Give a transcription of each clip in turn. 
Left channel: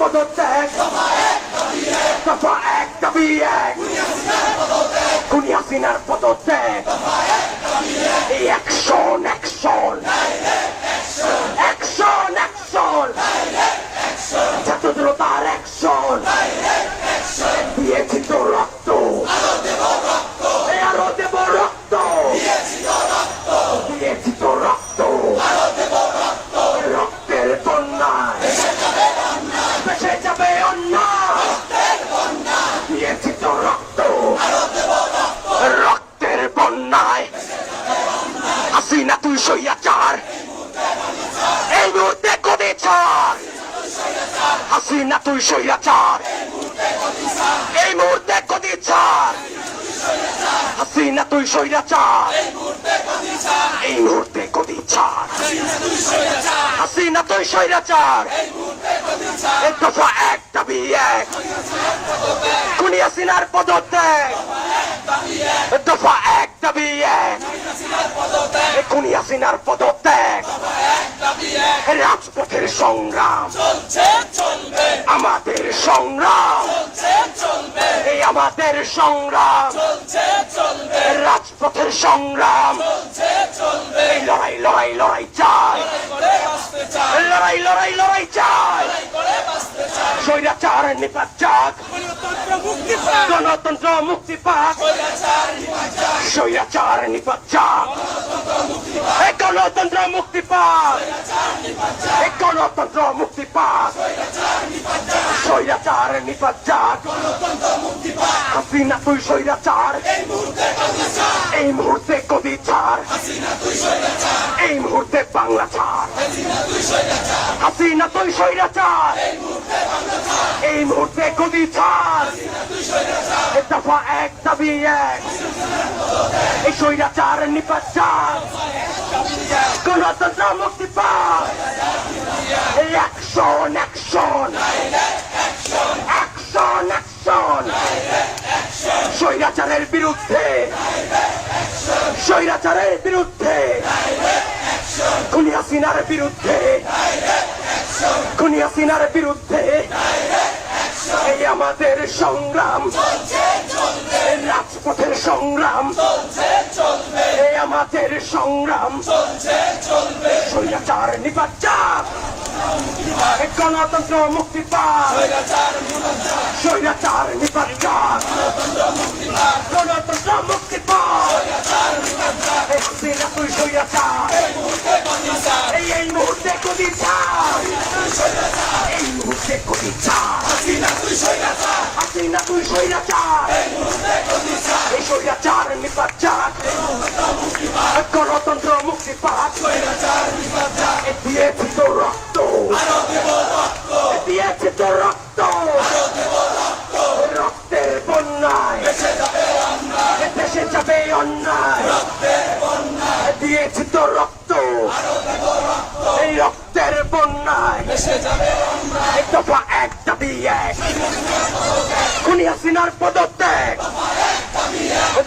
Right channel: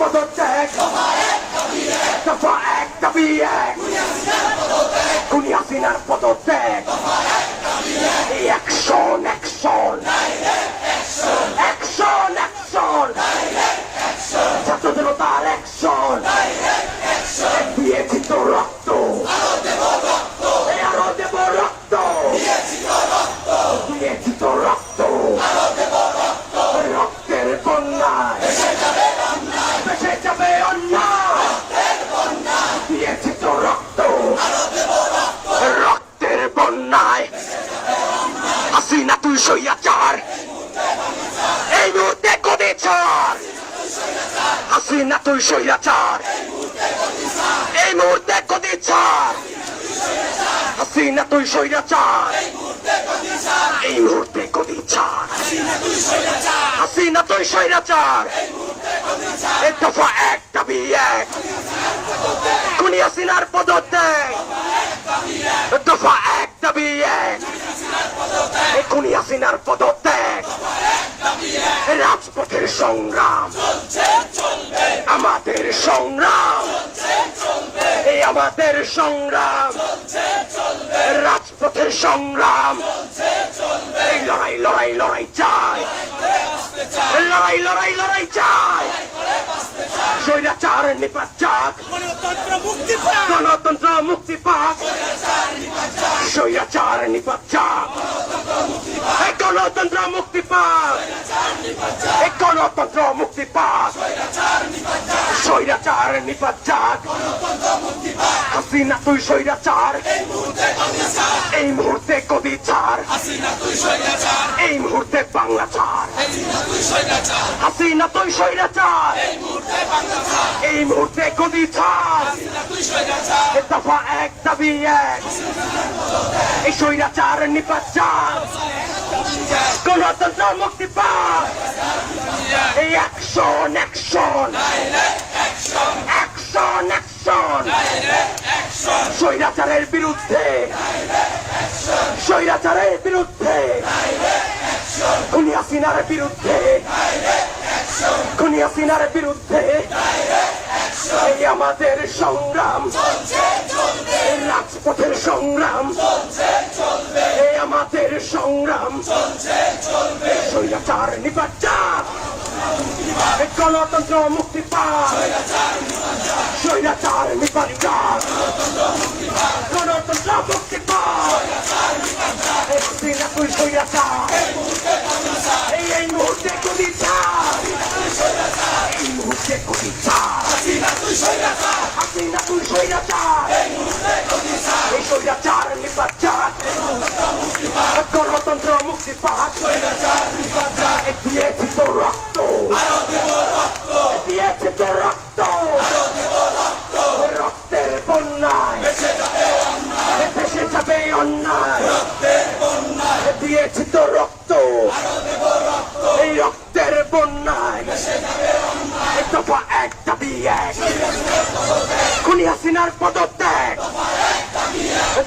পদত্যাগ দফা এক দাবি এক খুনি হাসিনার পদত্যাগ অ্যাকশন অ্যাকশন অ্যাকশন অ্যাকশন ছাত্র জনতার অ্যাকশন দিয়েছি তো রক্ত আরো দেব রক্ত দিয়েছি তো রক্ত রক্তের বন্যায় ভেসে যাবে অন্যায় দিয়েছি তো রক্ত রক্তের বন্যায় হাসিনা তুই স্বৈরাচার এই মুহূর্তে গদি ছাড় হাসিনা তুই স্বৈরাচার এই মুহূর্তে গদি ছাড় হাসিনা তুই স্বৈরাচার এই মুহূর্তে গদি ছাড় হাসিনা তুই স্বৈরাচার এই দফা এক দাবি এক খুনি হাসিনার পদত্যাগ দফা এক দাবি এক এই খুনি হাসিনার পদত্যাগ রাজপথের সংগ্রাম আমাদের সংগ্রাম এই আমাদের সংগ্রাম রাজপথের সংগ্রাম এই লড়াই লড়াই লড়াই চাই লড়াই লড়াই লড়াই চাই স্বৈরাচার নিপাত যাক গণতন্ত্র মুক্তি পাক স্বৈরাচার নিপাত যাক গণতন্ত্র মুক্তি পাক গণতন্ত্র মুক্তি পাক স্বৈরাচার নিপাত যাক হাসিনা তুই স্বৈরাচার এই মুহূর্তে গদি ছাড় এই মুহূর্তে বাংলা ছাড় হাসিনা তুই স্বৈরাচার এই মুহূর্তে গদি ছাড় দফা এক দাবি এক এই স্বৈরাচার নিপাত যাক গণতন্ত্র মুক্তি পাক এই অ্যাকশন অ্যাকশন অ্যাকশন অ্যাকশন স্বৈরাচারের বিরুদ্ধে স্বৈরাচারের বিরুদ্ধে খুনি হাসিনার বিরুদ্ধে খুনি হাসিনার বিরুদ্ধে এই আমাদের সংগ্রাম রাজপথের সংগ্রাম এই আমাদের সংগ্রাম স্বৈরাচার নিপাত যাক গণতন্ত্র মুক্তি পাক স্বৈরাচার নিপাত যাক গণতন্ত্র মুক্তি পাক হাসিনা তুই স্বৈরাচার এই মুহূর্তে গদি ছাড় এই মুহূর্তে গদি ছাড় হাসিনা তুই স্বৈরাচার হাসিনা তুই স্বৈরাচার এই স্বৈরাচার নিপাত যাক গণতন্ত্র মুক্তি পাক দিয়েছি তো রক্ত দিয়েছি তো রক্ত রক্তের বন্যায় ভেসে যাবে অন্যায় দিয়েছি তো রক্ত এই রক্তের বন্যায় দফা এক দাবি এক খুনি হাসিনার পদত্যাগ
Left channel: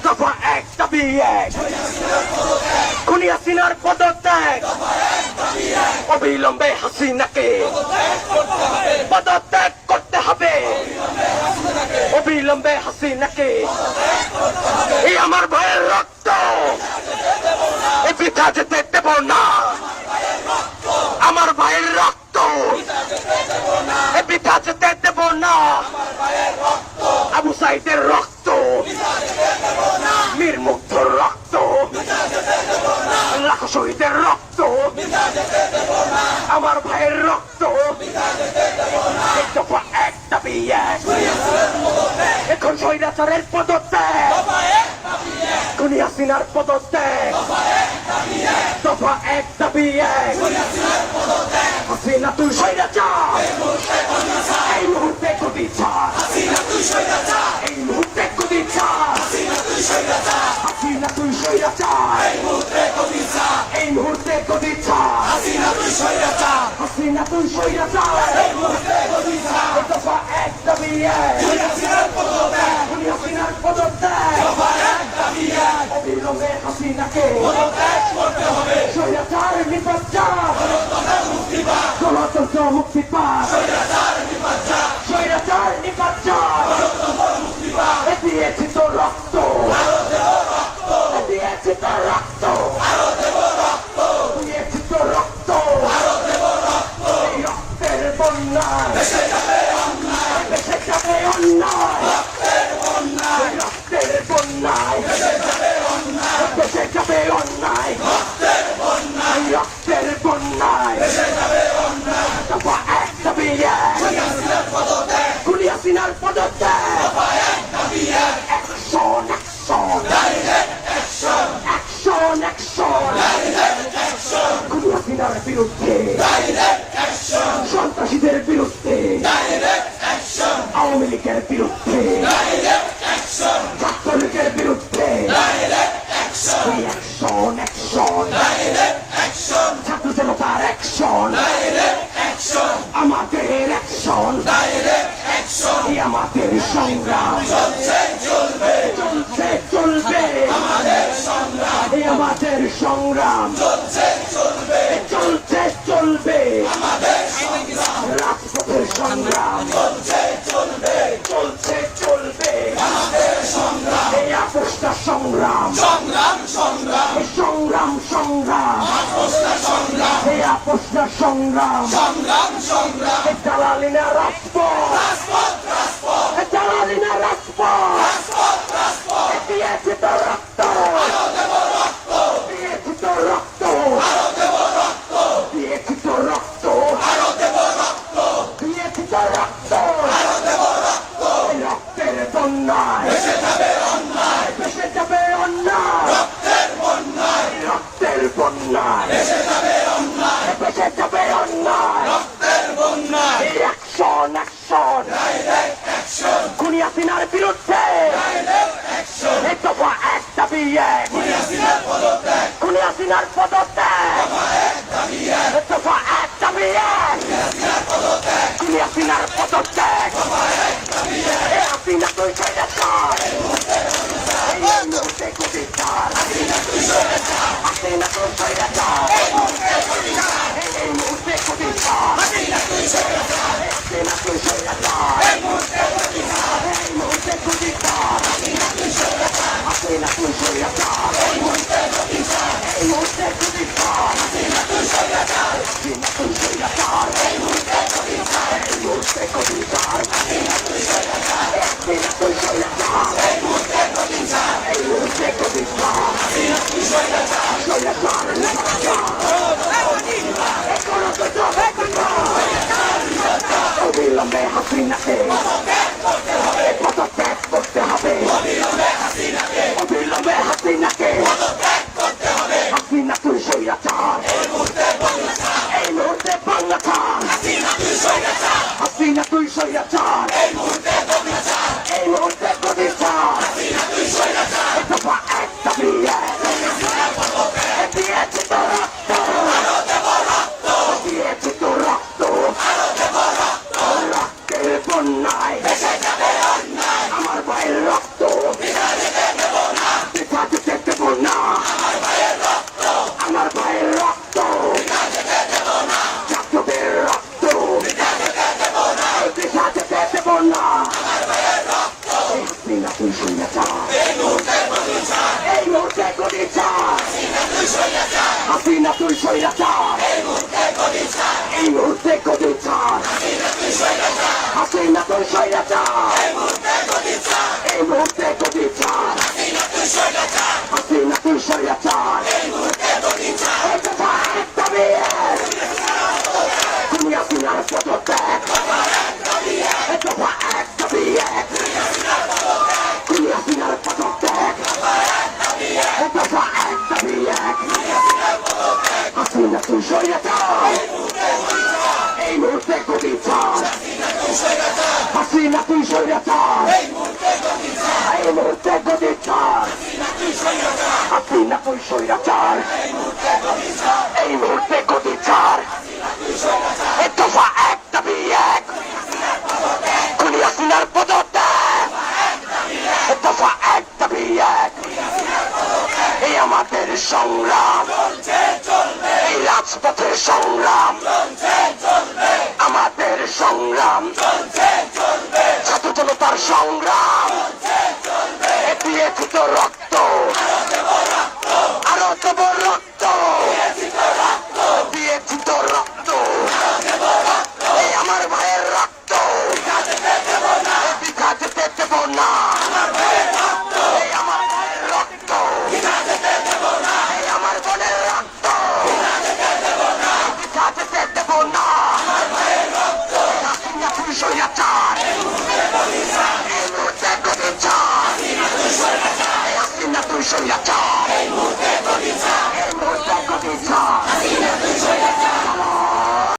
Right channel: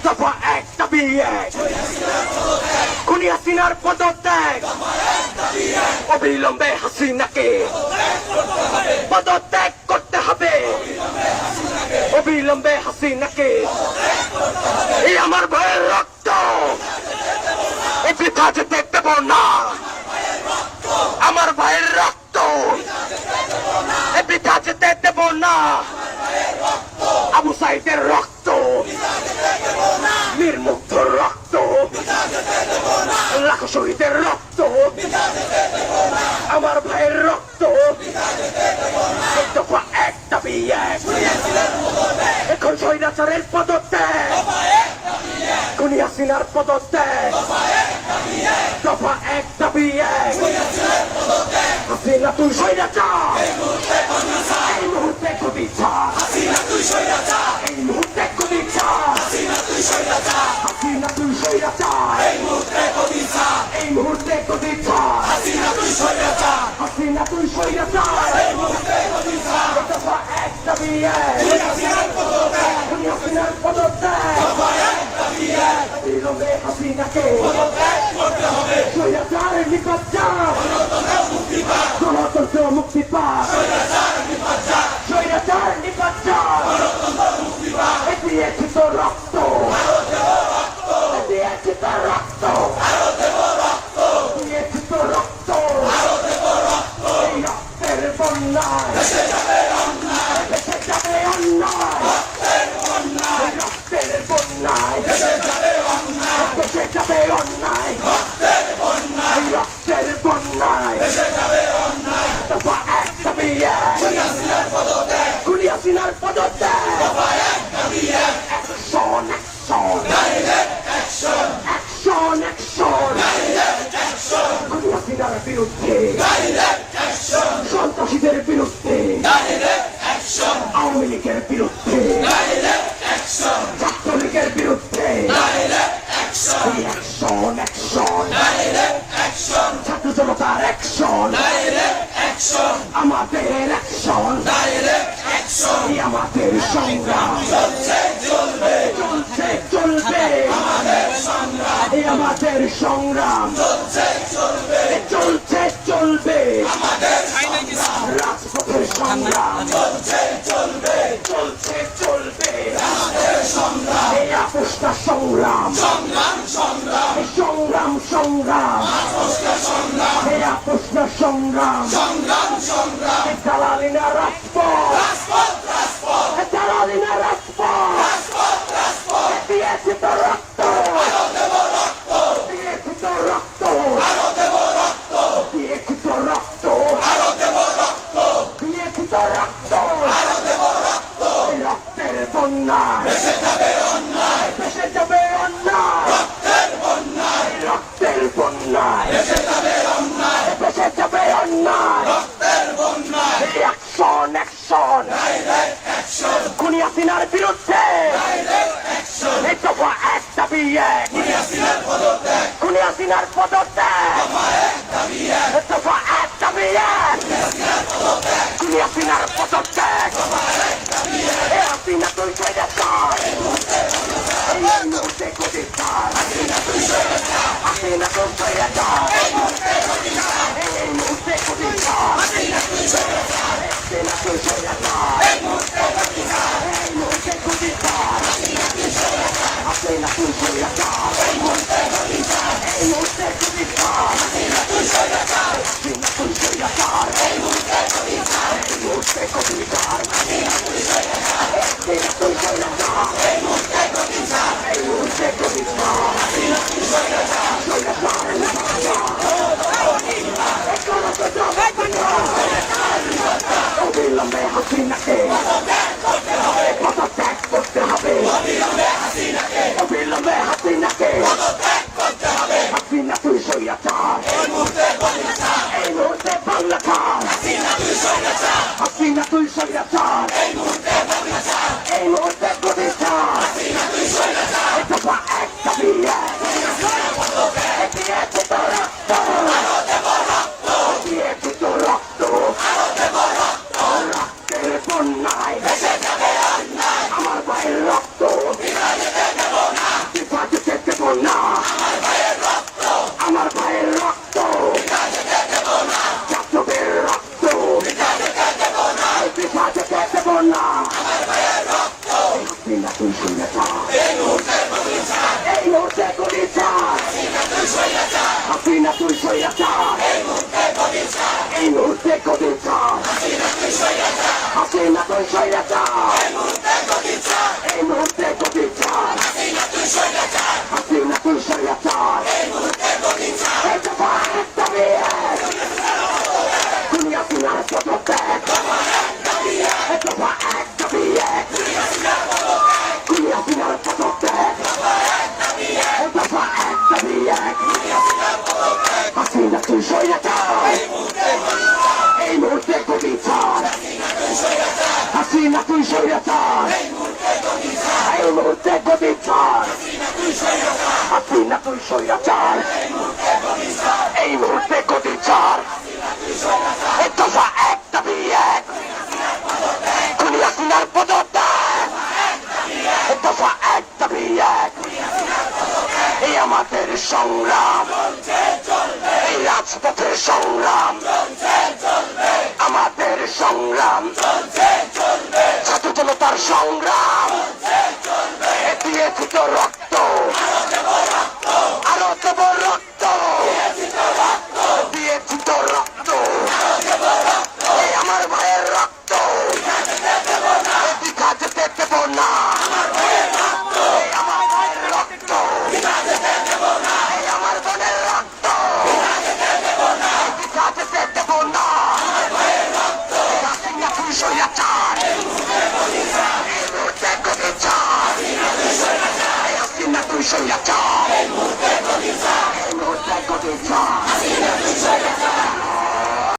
দফা এক দাবি এক খুনি হাসিনার পদত্যাগ অবিলম্বে হাসিনাকে পদত্যাগ করতে হবে অবিলম্বে হাসিনাকে এই আমার ভাইয়ের রক্ত বৃথা যেতে দেব না আমার ভাইয়ের রক্ত বৃথা যেতে দেব না আবু সাইদের রক্ত মীর মুগ্ধর রক্ত লাখো শহীদের রক্ত আমার ভাইয়ের রক্ত এক দফা এক দাবি এক এখন স্বৈরাচারের পদত্যাগ খুনি হাসিনার পদত্যাগ দফা এক দাবি এক হাসিনা তুই স্বৈরাচার এই মুহূর্তে গদি ছাড় হাসিনা তুই স্বৈরাচার এই মুহূর্তে গদি ছাড় হাসিনা তুই স্বৈরাচার হাসিনা তুই স্বৈরাচার এই মুহূর্তে গদি ছাড় এই মুহূর্তে গদি ছাড় হাসিনা তুই স্বৈরাচার হাসিনা তুই স্বৈরাচার এই মুহূর্তে গদি ছাড় দফা এক দাবি এক হাসিনার পদত্যাগ দফা এক দাবি এক অবিলম্বে হাসিনাকে পদত্যাগ করতে হবে স্বৈরাচার নিপাত গণতন্ত্র মুক্তি পাক স্বৈরাচার নিপাত দিয়েছে তো রক্ত দিয়েছে তার রক্ত দিয়েছে তো রক্ত এই রক্তের বন্যায় ভেসে যাবে অন্যায় রক্তের বন্যায় ভেসে যাবে অন্যায় রক্তের বন্যায় দফা এক দাবি এক খুনি হাসিনার পদত্যাগ অ্যাকশন অ্যাকশন অ্যাকশন অ্যাকশন খুনি হাসিনার বিরুদ্ধে সন্ত্রাসীদের বিরুদ্ধে আওয়ামী লীগের বিরুদ্ধে ছাত্রলীগের বিরুদ্ধে অ্যাকশন অ্যাকশন ছাত্র জনতার অ্যাকশন আমাদের অ্যাকশন এই আমাদের সংগ্রাম চলছে চলবে এই আমাদের সংগ্রাম চলছে চলবে রাজপথের সংগ্রাম চলছে চলবে এই আপোষটা সংগ্রাম সংগ্রাম এই আপোষটা সংগ্রাম জালালিনা রাজপথ জালালিনা রাজপথ দিয়েছে তো রক্ত দিয়েছে তো রক্ত দিয়েছে তো রক্ত দিয়েছে তো রক্ত রক্তের বন্যায় ভেসে যাবে অন্যায় রক্তের বন্যায় ভেসে যাবে অন্যায় অ্যাকশন খুনি হাসিনার বিরুদ্ধে দফা এক দাবি এক খুনি হাসিনার পদত্যাগ দফা এক দাবি এক খুনি হাসিনার পদত্যাগ হাসিনা তুই স্বৈরাচার এই মুহূর্তে গদি ছাড় হাসিনা তুই স্বৈরাচার এই মুহূর্তে গদি ছাড় হাসিনা তুই স্বৈরাচার এই মুহূর্তে গদি ছাড় এই মুহূর্তে গদি ছাড় হাসিনা তুই স্বৈরাচার হাসিনা তুই স্বৈরাচার এই মুহূর্তে গদি ছাড় এই মুহূর্তে গদি ছাড় হাসিনা তুই স্বৈরাচার হাসিনা তুই স্বৈরাচার এই মুহূর্তে গদি ছাড় এই মুহূর্তে গদি ছাড় হাসিনা তুই স্বৈরাচার হাসিনা তুই স্বৈরাচার এই মুহূর্তে গদি ছাড় এই মুহূর্তে গদি ছাড় হাসিনা তুই স্বৈরাচার অবিলম্বে হাসিনাকে পদত্যাগ করতে হবে অবিলম্বে হাসিনাকে হাসিনা তুই স্বৈরাচার এই মুহূর্তে বাংলা ছাড় হাসিনা তুই স্বৈরাচার এই মুহূর্তে গদি ছাড় দফা এক দাবি এক দিয়েছে তো রক্ত দিয়েছে তো রক্ত রক্তের বন্যায় আমার ভাইয়ের রক্ত পিতা যেতে দেব না আমার ভাইয়ের রক্ত ছাত্রদের রক্ত পিতা যেতে দেব না হাসিনা তুই স্বৈরাচার এই মুহূর্তে গদি ছাড় হাসিনা তুই স্বৈরাচার এই মুহূর্তে গদি ছাড় হাসিনা তুই স্বৈরাচার এই মুহূর্তে গদি ছাড় হাসিনা তুই স্বৈরাচার এই দফা এক দাবি এক খুনি হাসিনার পদত্যাগ দফা এক দাবি এক খুনি হাসিনার পদত্যাগ দফা এক দাবি এক স্বৈরাচার এই মুহূর্তে গদি ছাড় হাসিনা তুই স্বৈরাচার এই মুহূর্তে গদি ছাড় হাসিনা তুই স্বৈরাচার এই মুহূর্তে গদি ছাড় এই দফা এক দাবি এক খুনি হাসিনার পদত্যাগ এই দফা এক দাবি এক এই আমাদের সংগ্রাম এই রাজপথের সংগ্রাম আমাদের সংগ্রাম ছাত্র জনতার সংগ্রাম দিয়েছি তো রক্ত আরো দেব রক্ত দিয়েছি তো রক্ত এই আমার ভাইয়ের রক্ত দেখা যেতে দেব না এই আমার ভাইয়ের রক্ত এই আমার বোনের রক্ত দেখা যেতে দেব না হাসিনা তুই স্বৈরাচার এই মুহূর্তে গদি ছাড় এই হাসিনা তুই স্বৈরাচার